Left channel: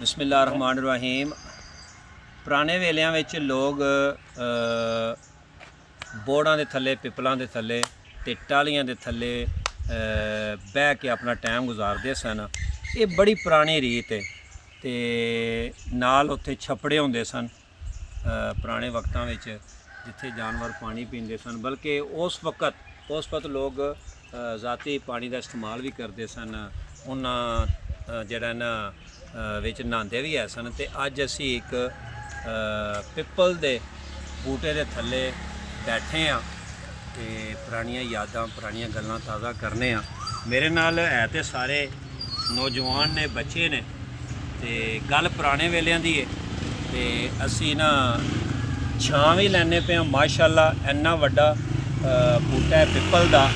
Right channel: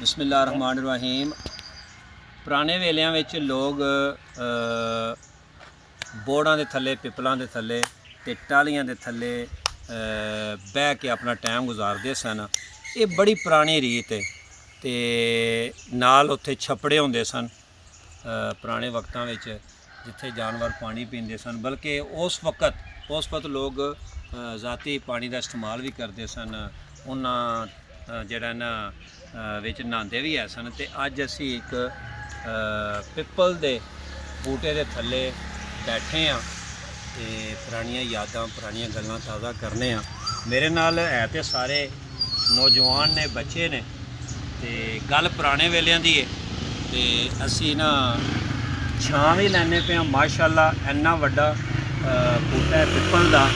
ਬਿਸਮਿਲ੍ਲਾਹਿਰਰਹਿਮਾਨਿਰਰਹੀਮ। ਪੁਰਾਣੇ ਵੇਲਿਆਂ ਵਿੱਚ ਲੋਕ ਬੋੜਾਂ ਦੇ ਥੱਲੇ, ਪਿੱਪਲਾਂ ਦੇ ਥੱਲੇ ਤੇ ਟਾਹਲੀਆਂ ਦੇ ਥੱਲੇ ਬਹਿ ਕੇ ਆਪਣਾ ਟਾਈਮ ਗੁਜ਼ਾਰਦੇ ਸਨ। ਇਹ ਬੜੀ ਪੁਰਾਣੀ ਰੀਤ ਹੈ ਤੇ ਨਾਲ ਉੱਥੇ ਛੱਪੜੇ ਹੁੰਦੇ ਸਨ ਪੁਰਾਣੇ ਵਕਤਾਂ ਵਿੱਚ, ਜਿੱਥੇ ਜਾਨਵਰ ਪਾਣੀ ਪੀਂਦੇ ਸਨ। ਬਲਕਿ ਉਸ ਵਕਤ ਲੋਕ ਜ਼ਾਤੀ ਪਾਣੀ ਦਾ ਇਸਤੇਮਾਲ ਵੀ ਕਰਦੇ ਸਨ। ਉਹਨਾਂ ਜਿਹੜਾ ਨਾ ਵਿੱਚ ਨਹਾਉਂਦੇ ਵੀ ਹੈ ਸਨ। ਤੇ ਅੱਜ ਅਸੀਂ ਇੱਕ ਪਿੱਪਲ ਦੇ ਬੂਟੇ ਦੇ ਥੱਲੇ ਬੈਠੇ ਹਾਂ ਤੇ ਪੁਰਾਣੀਆਂ ਯਾਦਾਂ, ਪੁਰਾਣੀਆਂ ਗੱਲਾਂ ਤਾਜ਼ਾ ਕਰਨੇ ਆ। ਮੇਰੇ ਨਾਲ ਹੈ ਤੇ ਸਾਰੇ ਨੌਜਵਾਨ ਨੇ, ਬੱਚੇ ਨੇ, ਤੇ ਗੱਲ ਪੁਰਾਣੇ ਵੇਲਿਆਂ ਦੀ ਹੈ। ਤੇ ਅਸੀਂ ਨਾ ਛਾਂ ਵੀ ਲੈਣੇ ਪਏ ਹਾਂ। ਮਾਸ਼ਾਅੱਲਾ ਇੰਨਾ ਵੱਡਾ ਬੂਟਾ ਹੈ ਪਿੱਪਲ ਦਾ,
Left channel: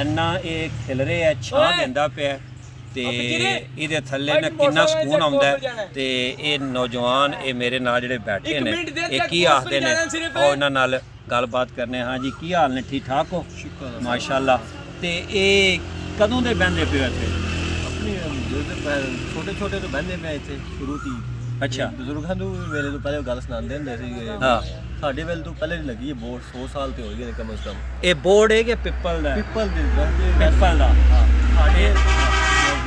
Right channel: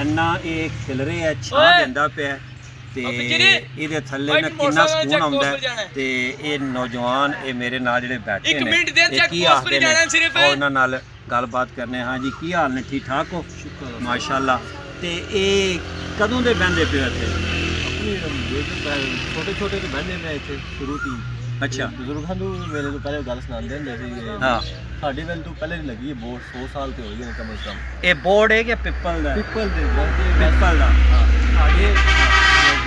ਇੰਨਾ ਇਹ ਖਿਲਰੇ ਹੈ, ਛਾਂ ਦਿੰਦਾ ਪਿਆ ਤੇ ਇਹਦੇ ਥੱਲੇ ਨਾ ਕਿੰਨਾ ਸਕੂਨ ਆਉਂਦਾ। ਤੇ ਇਹ ਨੌਜਵਾਨ, ਇਹ ਮੇਰੇ ਨਾਲ ਜਿਹੜੇ ਬੈਠੇ ਨੇ, ਇਹ ਕੀ ਆਖਦੇ ਨੇ, ਉਹ ਇਹਨਾਂ ਨਾਲ ਗੱਲਬਾਤ ਕਰਨੇ। ਹਾਂ ਜੀ, ਕੀ ਹਾਲ ਨੇ? ਠੀਕ ਠਾਕ ਹੋ? ਸ਼ੁਕਰ ਮਾਸ਼ਾਅੱਲਾ। ਤੇ ਇਹ ਕਦੋਂ ਦੇ ਬਹਿੰਦੇ ਪਏ ਇੱਥੇ? ਛੋਟੇ ਛੋਟੇ ਤੋਂ ਬਹਿੰਦੇ ਮੈਂ ਇੱਥੇ ਸ਼ੁਰੂ ਤੋਂ। ਅੱਛਾ, ਬਜ਼ੁਰਗਾਂ ਤੋਂ ਵੇਲੇ ਤੋਂ ਪਹਿਲੇ ਗੱਲ ਸੁਣਾਉਂਦੇ ਹੁੰਦੇ ਸੀ। ਹਾਂ, ਸਾਡੇ ਵੇਲੇ ਤੋਂ ਪਹਿਲੇ ਦੀ ਲੱਗੀ ਹੈ ਬੋਰਡ, 100 ਸਾਲ ਤੇ ਹੋ ਗਏ ਨੇ ਕਮ ਸੇ ਕਮ। ਇਹ ਬੋਰਡ ਹੈ ਕਿ ਪਿੱਪਲ ਦਾ? ਪਿੱਪਲ ਦੇ ਪਿੱਪਲ ਦਾ। ਹਾਂ, ਸਾਡੇ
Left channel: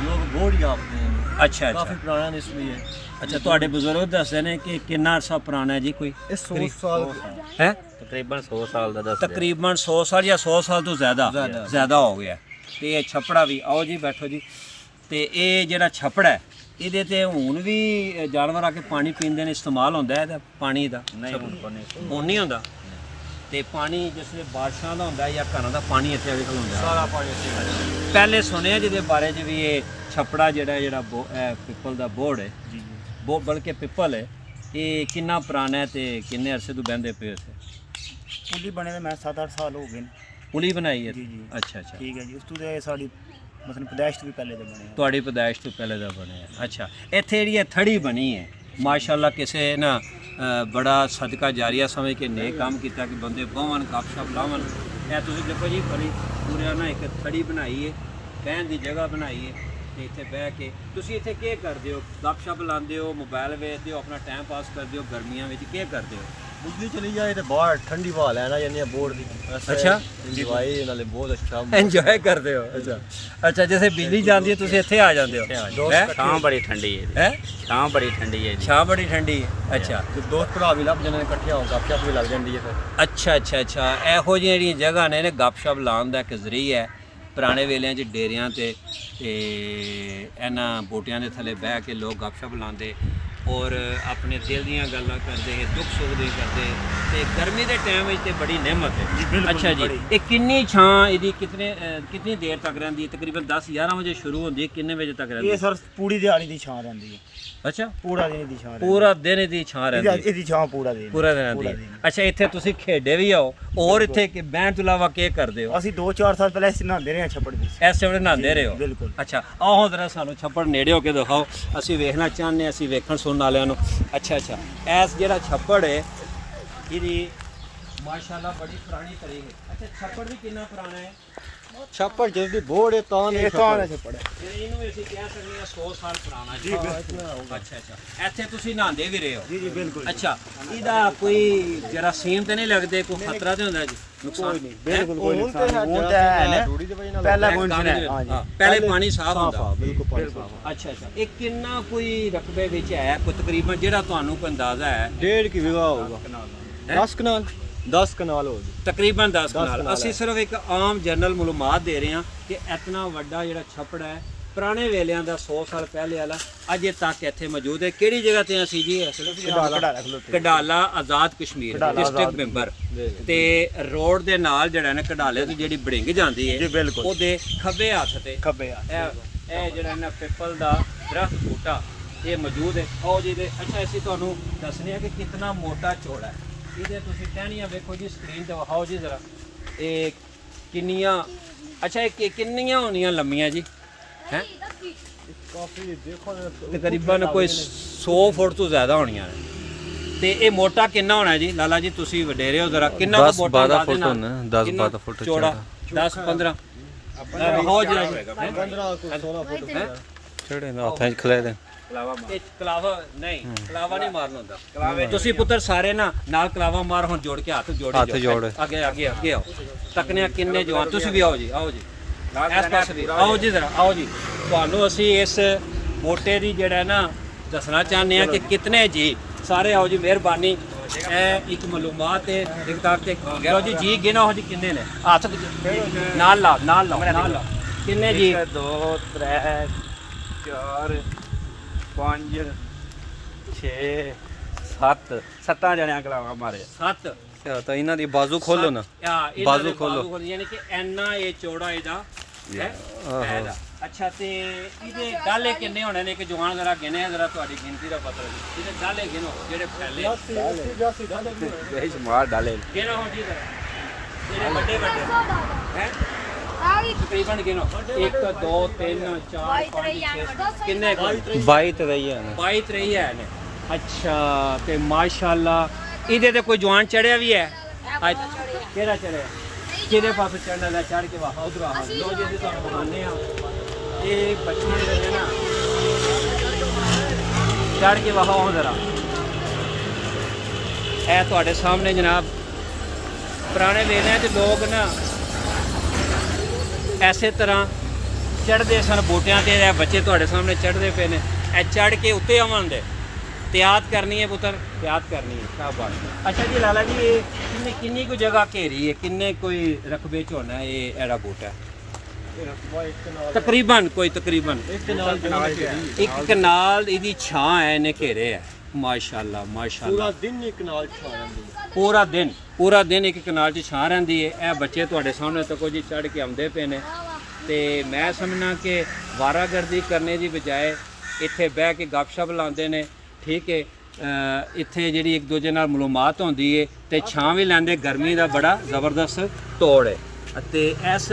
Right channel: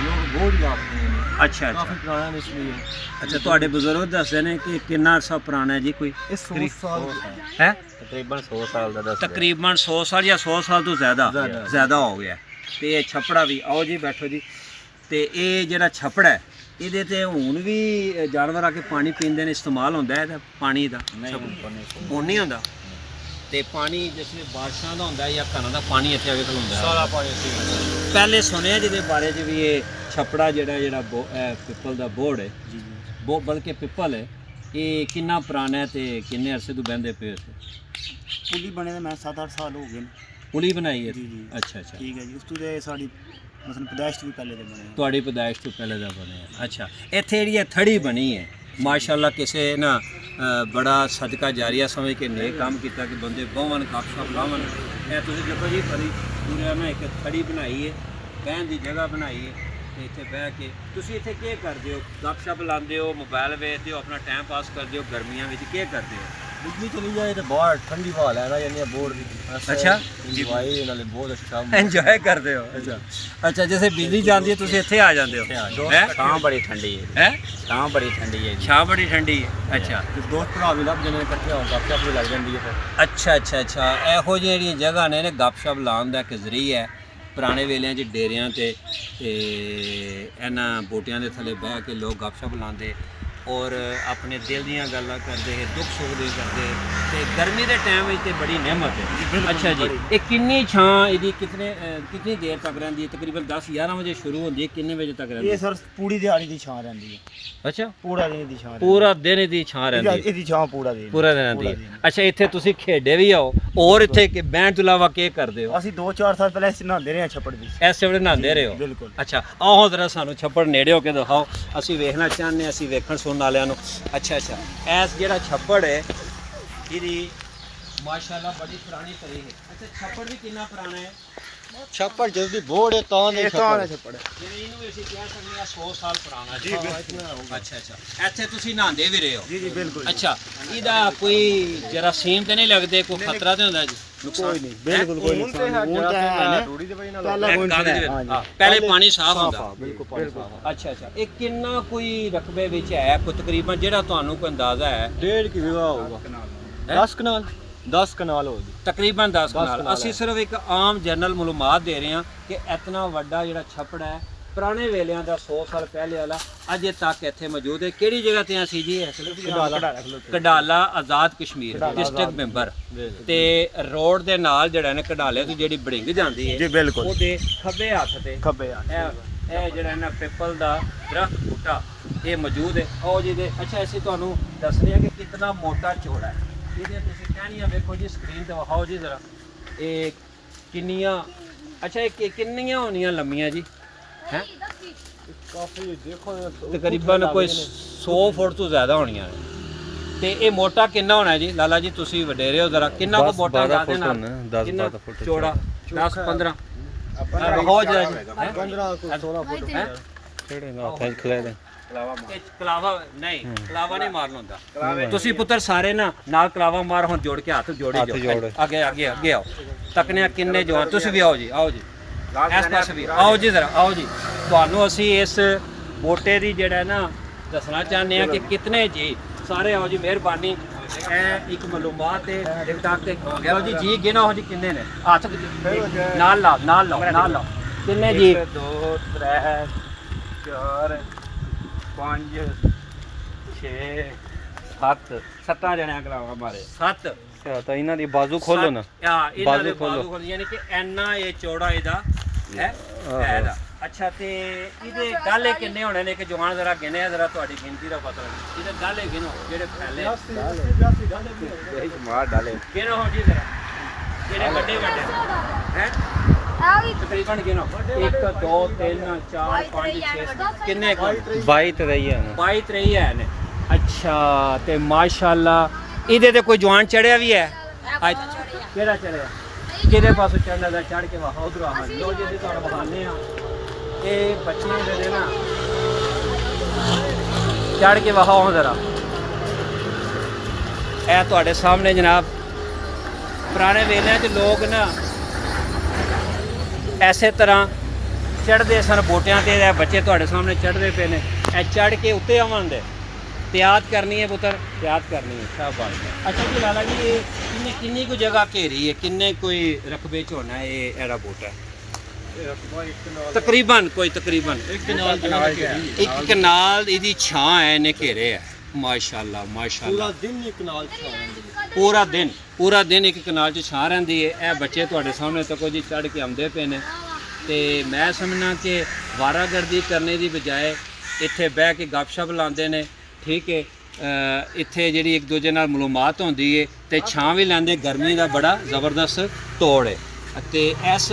ਲੋਕ ਬੋਰਡ ਹੀ ਆਪਦੇ ਨੇ। ਅੱਛਾ ਕਾਫੀ ਅੱਛਾ ਪੁਰਾਣਾ ਨਿਸਬੀ ਹੈ। ਅੱਛਾ, ਤੁਹਾਡੇ ਬਜ਼ੁਰਗ ਦੱਸਦੇ ਨੇ ਕਿ ਕਿੰਨਾ ਅਰਸਾ ਪੁਰਾਣਾ ਹੈ ਜੀ? ਕੋਈ ਇਹ 100 ਸਾਲ ਹੈ? ਤਕਰੀਬਨ 100 ਸਾਲ ਦਾ ਦੱਸ। ਤਕਰੀਬਨ 100 ਸਾਲ ਜਾਂ 100 ਸਾਲ ਤੋਂ ਜ਼ਿਆਦਾ ਹੋ ਗਿਆ। ਤੇ ਇਹ ਛੱਪੜਾ ਵੀ, ਆਓ ਜੀ ਬੈਠੋ ਜੀ। ਤੇ ਇਹ ਜਿਹੜਾ ਛੱਪੜਾ ਹੈ, ਇਹਦੇ ਤੇ ਹੁਣ ਵੀ ਜਾਨਵਰ ਆ ਕੇ ਪਾਣੀ ਪੀਂਦੇ ਨੇ, ਇਸਤੇਮਾਲ ਹੁੰਦਾ ਹੈ ਇਹਦਾ ਪਾਣੀ ਦਾ? ਹੁਣ ਨਹੀਂ ਹੁੰਦਾ। ਤੇ ਪਾਣੀ ਜਿਸ ਵੇਲੇ ਬਾਰਿਸ਼ਾਂ ਦਾ ਹੁੰਦਾ ਜਾਂ ਘਰਾਂ ਦਾ ਪਾਣੀ ਇੱਥੇ ਆ ਕੇ ਖਲੋਂਦਾ? ਸਾਰਾ ਪਾਣੀ ਇੱਥੇ। ਪਹਿਲੇ ਸੁਣਿਆ ਜਿਹਦੇ ਬਾਰੇ 'ਚ ਵੀ ਇਹ ਛੱਪੜਾ ਜਿਹੜਾ ਪਿੱਪਲ ਦਾ ਬੋਰਡ ਹੈ ਜੀ, ਬਲਕਿ ਪਿੱਪਲ ਹੈ, ਇਹ ਕਿੰਨਾ ਪੁਰਾਣਾ ਹੈ ਤੇ ਕਿੰਨੇ ਅਰਸੇ ਤੋਂ ਬਹਿੰਦੇ ਪਏ ਉੱਥੇ? ਪੁਲੀ ਬਣੇ ਤਾਂ ਮੈਂ 7-8 ਸਾਲ ਹੋ ਗਏ ਨੇ। ਪੁਲੀ ਬਣਾਈ ਹੈ? ਜੀ। ਅੱਛਾ ਅੱਛਾ, ਠੀਕ ਹੈ ਜੀ। ਉਸ ਤੋਂ ਦੇ ਸਾਡੀ ਮਸਲਨ ਪੈਦਾਇਸ਼ ਵੀ ਪਹਿਲੇ ਦੇ ਬਣੇ ਆ। ਤੁਹਾਡੀ ਪੈਦਾਇਸ਼ ਤੋਂ ਪਹਿਲੇ ਦਾ ਬਣਿਆ। ਅੱਛਾ, ਇੱਥੇ ਜਿਹੜੀ ਇਹ ਥੜੀ ਬਣੀ ਹੈ, ਮਾਸ਼ਾਅੱਲਾ ਕਿਸੇ ਨਾ ਬੜਾ ਸਦਕਾ ਜਾਰੀਆ ਸਮਝ ਕੇ ਨੇਕ ਕੰਮ ਕੀਤਾ ਕਿ ਬੰਦੇ ਬਹਵਨ, ਗੱਪਸ਼ਪ ਲਾਵਨ। ਇਹ ਤੁਸੀਂ ਦੇਖੋ ਜੀ, ਫਲੀ ਪੂਰਾ ਨਾ ਇੱਕ ਥੜੀ ਬਣਾਈ ਹੈ, ਬਹਿਣ ਦੀ ਜਗ੍ਹਾ ਬਣਾਈ ਹੈ। ਤੇ ਇੱਥੇ ਬਹਿ ਕੇ ਤੁਸੀਂ ਇੱਥੇ ਕੀ ਕਰਦੇ ਹੋ? ਗੱਪਸ਼ਪ ਲਾਉਂਦੇ ਹੋ, ਮੋਬਾਈਲ ਵੇਖਦੇ ਹੋ, ਆਪਣਾ ਟਾਈਮ ਪਾਸ ਕਰਦੇ ਹੋ? ਗਰਮੀਆਂ ਵਿੱਚ ਕੀ ਕਰਦੇ ਹੋ? ਬਿਜਲੀ ਚਲੀ ਜਾਏ ਤੇ ਬਾਹਰ ਠੰਡੀ ਹਵਾ ਲੈਣਾ ਜਾਂਦੀ ਹੈ ਬੋਰਡ ਦੀ। ਅੱਛਾ, ਇੰਜੋਏ ਨਾਲੇ ਬਹੁਤ ਅੱਛਾ ਇੰਜੋਏ ਕਰਦੇ ਹੋ? ਅੱਛਾ, ਜਿਵੇਂ ਬਿਜਲੀ ਜਾਂਦੀ ਹੈ ਤੁਸੀਂ ਇੱਥੇ ਆ ਜਾਂਦੇ ਹੋ? ਛਾਂ ਬੜੀ ਠੰਡੀ ਹੈ। ਛਾਂ ਬੜੀ ਠੰਡੀ ਹੈ ਜੀ। ਛਾਂ ਬੜੀ ਠੰਡੀ ਹੈ। ਅੱਛਾ, ਦੋਸਤ ਭਰਾ ਵੀ ਲੱਭ ਜਾਂਦੇ ਨੇ, ਇਕੱਠੇ ਹੋ ਗੱਪਸ਼ਪ ਵੀ ਲੱਗ ਜਾਂਦੀ ਹੈ ਫਿਰ। ਅੱਛਾ ਅੱਛਾ ਅੱਛਾ, ਇਹੋ ਜਿਹੀਆਂ ਜਿਹੜੀਆਂ ਜਗ੍ਹਾ ਨੇ ਗੱਪਸ਼ਪ ਲਾਉਣ ਦਾ ਇੱਕ ਜ਼ਰੀਆ ਹੈ। ਪੁਰਾਣੇ ਵੇਲਿਆਂ 'ਚ ਡੇਰਿਆਂ ਤੇ ਇਹਨਾਂ ਬੂਟਿਆਂ ਦੇ ਥੱਲੇ ਬਹਿ ਕੇ ਲੋਕ ਗੱਪਸ਼ਪ ਲਾਉਂਦੇ ਔਰ ਆਪਣੇ ਦਿਲ ਦੀਆਂ ਗੱਲਾਂ ਕਰਦੇ, ਦੁੱਖ ਸੁੱਖ ਦੀ ਕਰਦੇ। ਤੇ ਗਰਮੀ ਦੇ ਟਾਈਮ ਵਿੱਚ ਤੇ ਬੜੀ ਨਿਹਮਤ ਹੈ। ਅੱਛਾ ਜੀ, ਇਹ ਕਿੰਨੀ ਛਾਂ ਇਹਦੀ ਕਿੰਨੀ ਦੇਰ ਤੱਕ ਰਹਿੰਦੀ ਹੈ? ਤਕਰੀਬਨ 10-11 ਵਜੇ ਸ਼ੁਰੂ ਹੁੰਦੀ ਹੈ, ਕਿੰਨੇ ਵਜੇ ਤੱਕ ਰਹਿੰਦੀ ਹੈ? ਇਹ ਸਰ ਪੂਰੀ ਦਿਹਾੜੀ ਦੀ ਛਾਂ ਰਹਿੰਦੀ ਹੈ। ਅੱਛਾ, ਪੂਰਾ ਦਿਨ ਦੀ ਛਾਂ ਰਹਿੰਦੀ ਪੂਰਾ ਦਿਨ ਇਹਦੀ ਛਾਂ ਰਹਿੰਦੀ ਹੈ? ਇਹਦੀ ਛਾਂ ਪੂਰਾ ਦਿਨ ਰਹਿੰਦੀ ਹੈ। ਅੱਛਾ, ਇੱਥੇ ਤੁਸੀਂ ਖੇਡੇ ਵੀ ਆਓ ਔਰ ਇੱਥੇ ਬਹਿਣ ਤੋਂ ਇਲਾਵਾ ਕੀ ਕਰਦੇ ਹੋ? ਅਸੀਂ 2-4 ਸਾਲ ਪਹਿਲਾਂ ਇਸ ਨਹਾਉਂਦੇ ਰਹੇ ਹਾਂ ਛੱਪੜ ਦੀ। ਇਸ ਵੇਲੇ ਨਹਾਉਂਦੇ ਰਹੇ ਹੋ? ਬਿਲਕੁਲ। ਅੱਛਾ, ਆਓ ਜ਼ਰਾ ਸਾਨੂੰ ਛੱਪੜ ਨੇੜੇ ਹੋ ਕੇ ਦਿਖਾਓ, ਅਸੀਂ ਵੇਖਣਾ ਚਾਹੁੰਦੇ ਹਾਂ, ਅਸੀਂ ਵੇਖਣ ਸੁਣਨ ਵਾਲਿਆਂ ਨੂੰ। ਅੱਛਾ ਅੱਛਾ, ਇਸ ਜਿਹੜਾ ਛੱਪੜ ਹੈ ਇਹਦੀ ਮਾਸ਼ਾਅੱਲਾ ਬੜੀ ਪੁਰਾਣੀ ਤਰੀਕ ਹੈ। ਅੱਛਾ, ਛੱਪੜ ਵੀ ਕਿੰਨਾ ਪੁਰਾਣਾ ਹੈ? ਛੱਪੜ ਜਦੋਂ ਦੀ ਬੋਰਡ ਹੈ ਤਾਂ ਨਹੀਂ ਛੱਪੜ ਛੱਪੜ। ਜਿਵੇਂ ਇਹਨੂੰ ਅਸੀਂ ਕਹਿ ਸਕਦੇ ਹਾਂ 100 ਸਾਲ ਪੁਰਾਣਾ ਜੀ। ਅੱਛਾ ਅੱਛਾ, ਇੱਥੇ ਤੁਸੀਂ ਨਹਾਉਂਦੇ ਵੀ ਰਹੇ ਹੋ? ਜੀ ਬਿਲਕੁਲ। ਅੱਛਾ, ਇਹਦਾ ਕੋਈ ਜਰਾਸੀਮ ਤਾਂ ਨਹੀਂ ਲੱਗਦੇ? ਕੋਈ ਖਤਰਾ ਤਾਂ ਹੁੰਦਾ ਜੀ? ਕੋਈ ਨਹੀਂ, ਬਿਲਕੁਲ ਕੋਈ ਨੁਕਸਾਨ ਨਹੀਂ। ਹੁਣ ਤਾਂ ਹੈ ਨਾ, ਪਹਿਲਾਂ ਕੋਈ ਨਹੀਂ। ਪਹਿਲੇ ਪਾਣੀ ਸਾਫ਼ ਹੁੰਦਾ? ਬਿਲਕੁਲ। ਅੱਛਾ ਅੱਛਾ, ਇਹ ਕਿੰਨਾ ਕੋਈ ਰਕਬੇ ਵਿੱਚ ਹੈ? ਕੋਈ ਤਕਰੀਬਨ ਜਿਹੜਾ ਤੁਹਾਨੂੰ ਕੋਈ ਅੰਦਾਜ਼ਾ ਹੈ? 1.5 ਕਿ ਵਿਗਾ ਹੋਊਗਾ। 10 ਕਨਾਲ 10 ਕਨਾਲ ਹੋਊਗੀ ਤਕਰੀਬਨ 10 ਕਨਾਲ। ਕਨਾਲ ਅਸੀਂ ਸਿਰਫ ਇੱਕ ਆਮ ਜਨਰਲ ਮਾਲੂਮਾਤ ਦੇ ਰਹੇ ਹਾਂ ਕਿ ਇਤਨਾ ਵੱਡਾ ਜਿਹੜਾ ਛੱਪੜ ਹੈ ਪੁਰਾਣੇ ਵੇਲਿਆਂ ਦਾ 100 ਸਾਲ ਪਹਿਲੇ ਵਾਲਾ ਅਜੇ ਤੱਕ ਇੱਥੇ ਮੌਜੂਦ ਹੈ। ਕਿਹੜੀ ਜਗ੍ਹਾ ਤੇ ਅਸੀਂ ਜੀ? ਕਡਾਲਾ ਆਜ਼ਾਦ ਕਸ਼ਮੀਰ ਡਿਸਟ੍ਰਿਕਟ ਮੈਂਬਰ। ਤੇ ਰੋਡ ਦੇ ਨਾਲ ਜਿਹੜਾ ਨਾ ਕਡਾਲੇ ਤੋਂ ਜਿਹੜੀ ਬੜਿੰਗ ਜਾਂਦੀ ਹੈ, ਉਹਦੇ ਖੱਬੇ ਹੱਥ ਤੇ ਇਹ ਜਿਹੜਾ ਨਾ ਪਿੱਪਲ ਦਾ ਦਰਖਤ ਬੂਟਾ ਇਹ ਮੌਜੂਦ ਹੈ। ਆਓ ਜੀ ਦੇ। ਅੱਛਾ, ਅਸੀਂ ਤੁਹਾਨੂੰ ਦੱਸਦੇ ਹਾਂ ਕਿ ਕਿੰਨਾ ਮੋਟਾ ਚੌੜਾ ਹੈ। ਇਹਦੇ ਤੁਸੀਂ ਟਹਿਣੀਆਂ ਵੇਖੋ ਜੀ, ਸਕਰੀਨ ਤੇ ਵਿਖਾਓ ਜੀ ਜ਼ਰਾ। ਇਹ ਕਿੰਨੀਆਂ, ਅੱਛਾ ਇਹ ਕਿੰਨੀਆਂ ਹੋਣੀਆਂ ਲੰਮੀਆਂ ਜੀ? ਹੈ ਕਾਫੀ ਦੇਖੋ ਤਕਰੀਬਨ ਕੋਈ 100 ਫੁੱਟ ਤੋਂ ਜ਼ਿਆਦਾ ਹੋਣੀਆਂ ਨੇ। ਤੇ ਇਹ ਮੋਟਾ ਕਿੰਨਾ ਹੋਣਾ ਜੀ? ਲਾਲਾ ਜੀ ਤੁਸੀਂ ਵਡੇਰੇ ਹੋ ਜ਼ਰਾ, ਕਿੰਨਾ ਕੁ ਮੋਟਾ? 10-12 ਫੁੱਟ ਹੋਣਾ। 10-12 ਫੁੱਟ ਚੌੜਾ। 10-15 ਬਹੁਤ ਜ਼ਿਆਦਾ 15 16 ਫੁੱਟ ਹੈ। ਛੇੜੇ ਨਾ ਹੱਥਾਂ 'ਚ ਖਲੇ ਦੇ ਇਹ ਕਲਾਵਾ ਨਹੀਂ, ਕਲਾਵਾ ਨਹੀਂ ਮਾਰਨ ਹੁੰਦਾ। ਤੁਸੀਂ ਪੁੱਤਰ ਸਾਰੇ ਨਾਲ ਕਲਾਵਾ ਮਾਰ, ਹੁਣ ਜੋੜ ਕੇ ਹੱਥ ਜੋੜੀ ਹੱਥ ਜੋੜ। ਅੱਗੇ ਆਓ। ਤੱਕਨੇ ਕਿੰਨੇ ਜਵਾਨ, ਤੁਸੀਂ ਵੀ ਆਓ ਜੀ ਇਸ ਪਾਸੇ ਵੀ ਆਓ ਜੀ, ਜ਼ਰਾ ਆਓ ਜੀ। ਤੁਹਾਨੂੰ ਅਸੀਂ ਇਸ ਬੋਟੇ ਦੀ ਜਿਹੜਾ ਨਾ ਦੱਸਣਾ ਚਾਹੁੰਦੇ ਆ ਕਿ ਕਿਤਨੇ ਜੀ ਸਾਰੇ ਆਓ ਜੀ, ਮਿਹਰਬਾਨੀ। ਇਹ ਇੱਕ ਮਾਲੂਮਾਤ ਹੈ ਟਿਕਟਾਕ ਤੇ ਗਿਆ ਜੀ। ਜੀ ਗਿਣੋ ਜੀ ਕਿੰਨੇ ਨੇ, ਹੱਥ ਨਾਲ ਲਾਓ ਕਿੰਨੇ ਜੀ? 1 2 3 4 5 6 7 ਜਣਿਆਂ ਕਲਾਵਾ ਮਾਰੇ। 7 ਤਾਂ ਇਹਨਾਂ ਦੀ ਬਾਜ਼ੂ ਖੋਲੋ ਨਾ, ਬਾਜ਼ੂ ਖੋਲੋ। ਯਾਨੀ ਕਿ ਇੰਨਾ ਇਹ ਚੌੜਾ ਇਹਦਾ ਹੈ ਇਹਦਾ। ਅੱਛਾ, ਤੇ ਇਹਦੇ ਗਾਲੇ ਕਿੰਨੇ ਹੋਣੇ ਨੇ? ਕਿ ਜਵਾਨ ਜ਼ਰਾ ਗਿਣਿਆ, ਜ਼ਰਾ ਤੁਹਾਡੀ ਗਿਣਤੀ ਦਾ ਪਤਾ ਲੱਗੇ। ਇਹਦੇ ਗਾਲੇ ਗਿਣੋ ਜਿਹੜੇ ਫੈਲੇ ਇਹ ਮਾਰ ਡਾਲੇ ਗਿਣੋ ਹੋ ਜੀ ਜ਼ਰਾ, ਜਿਹੜੇ ਵੱਡੇ ਹੈ ਤਕਰੀਬਨ ਗਿਣੋ। 1 2 3 4 5 6 ਕਿੰਨੇ 22 ਤੇ ਰਹੀ ਹੈ ਨਾ। 22 23 ਹੈ ਨੇ। ਅੱਛਾ, ਤੇ ਮਾਸ਼ਾਅੱਲਾ ਇਹਦੇ ਤੇ ਕੋਈ ਜਵਾਨ ਚੜਿਆ ਵੀ ਹੈ? ਕਿਹੜਾ ਚੜਿਆ? ਜਿਹਦੇ ਪਾਸੇ ਚੜ੍ਹਨਾ ਦਾ ਚੜ੍ਹ ਕੇ ਵਾਹ ਉਧਰ ਆ ਲੋ ਜੀ। ਅਸੀਂ ਤੁਹਾਨੂੰ ਬਤਾਉਂਦੇ ਆ ਇਹ ਬੱਚੇ ਜਿਹੜੇ ਨਾ ਚੜ੍ਹ ਕੇ ਵਹਾਓ ਜ਼ਰਾ। ਇਹ ਤੁਹਾਡੇ ਸਾਹਮਣੇ ਜਨਾਬ, ਪੁਰਾਣੇ ਵੇਲਿਆਂ 'ਚ ਲੋਕ ਨਾ ਐਸੇ ਤਰ੍ਹਾਂ ਚੜ੍ਹਦੇ ਸਨ ਬੂਟਿਆਂ ਤੇ। ਇਹ ਬੱਚੇ ਤੁਹਾਡੇ ਸਾਹਮਣੇ ਚੜ੍ਹਦੇ ਪਏ ਨੇ। ਇਹ ਚੜ੍ਹ ਕੇ ਉੱਤੇ ਆਵਾਂਗੇ, ਤਿਆਰ ਕਰਨੀ ਹੈ ਪੁੱਤਰ, ਤਿਆਰ ਕਰਨੀ ਹੈ। ਸ਼ਾਬਾਸ਼। ਅੱਛਾ ਜੀ ਲਾਲਾ ਜੀ, ਇਹ ਕਿੰਨੀ ਕੁ ਜਗ੍ਹਾ ਘੇਰੀ ਹੈ? ਕਿੰਨੇ ਕੋਈ ਰਕਬੇ 'ਚ ਹੋਣਾ ਇਹ ਇਹਦਾ ਬੂਟਾ? ਤਕਰੀਬਨ ਇੱਕ ਕਨਾਲ ਇਹਦੀ ਛਾਂ ਹੈ, ਇਹਨੇ ਘੇਰੇ ਹੈ। ਮਾਸ਼ਾਅੱਲਾ ਪੂਰਾ ਦਿਨ ਇੱਕ ਨਾਲ ਛਾ ਜਾਂਦੀ ਹੈ। ਪੂਰਾ ਦਿਨ ਇੱਕ ਕਨਾਲ 'ਚ ਛਾਂ ਰਹਿੰਦੀ ਹੈ। ਇਹ ਬੱਚੇ ਤੁਹਾਡੇ ਸਾਹਮਣੇ ਤੱਕ ਜੀ ਚੜ੍ਹ ਕੇ ਆਉਂਦੇ ਪਏ ਨੇ। ਤੇ ਮੈਂ ਸਮਝਣਾ ਕਿ ਵਾਰਾਗਰਦੀ ਕਰਨੇ ਦੀ ਬਜਾਏ ਇੱਥੇ ਬਹਿ ਕੇ ਗੱਪਸ਼ਪ ਲਾਉਂਦੇ ਨੇ। ਠੀਕ ਹੈ, ਇੱਥੇ ਜਿਹੜੀ ਇੱਕ ਦੂਜੇ ਨਾਲ ਮੁਲਾਕਾਤ ਹੁੰਦੀ ਹੈ ਤੇ ਛਾਂ ਵੀ ਲੈਂਦੇ। ਗਰਮੀ ਦਾ ਬੜਾ ਜ਼ਬਰਦਸਤ ਤੋੜ ਹੈ ਅਤੇ ਇਸ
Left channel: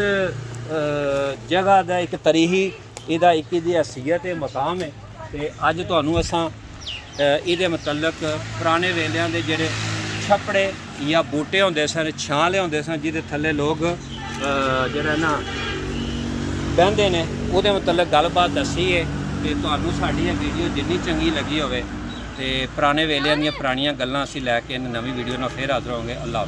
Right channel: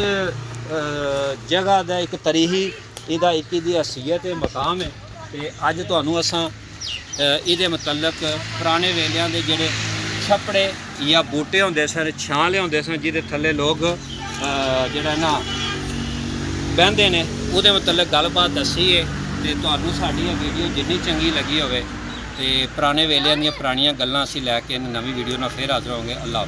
ਜਗ੍ਹਾ ਦਾ ਇੱਕ ਤਰੀਹੀ ਇਹਦਾ ਇੱਕ ਇਹਦੀ ਹਸੀਅਤ ਤੇ ਮਕਾਮ ਹੈ। ਤੇ ਅੱਜ ਤੁਹਾਨੂੰ ਅਸਾਂ ਇਹਦੇ ਮੁਤਲਕ ਪੁਰਾਣੇ ਵੇਲਿਆਂ ਦੇ ਜਿਹੜੇ ਛੱਪੜੇ ਜਾਂ ਬੂਟੇ ਹੁੰਦੇ ਸਨ, ਛਾਂ ਲਿਆਉਂਦੇ ਸਨ, ਜਿਹਦੇ ਥੱਲੇ ਲੋਕ ਜਿਹੜਾ ਨਾ ਬਹਿੰਦੇ ਨੇ, ਉਹਦੇ ਮੁਤਲਕ ਗੱਲਬਾਤ ਦੱਸੀ ਹੈ। ਤੇ ਤੁਹਾਨੂੰ ਸਾਡੀ ਇਹ ਵੀਡੀਓ ਜਿੰਨੀ ਚੰਗੀ ਲੱਗੀ ਹੋਵੇ ਤੇ ਪੁਰਾਣੇ ਵੇਲਿਆਂ ਦੀਆਂ ਪੁਰਾਣੀਆਂ ਗੱਲਾਂ ਅਸੀਂ ਲੈ ਕੇ ਨਵੀਂ ਵੀਡੀਓ ਨਾਲ ਫੇਰ ਹਾਜ਼ਰ ਹੋਵਾਂਗੇ। ਅੱਲਾਹ।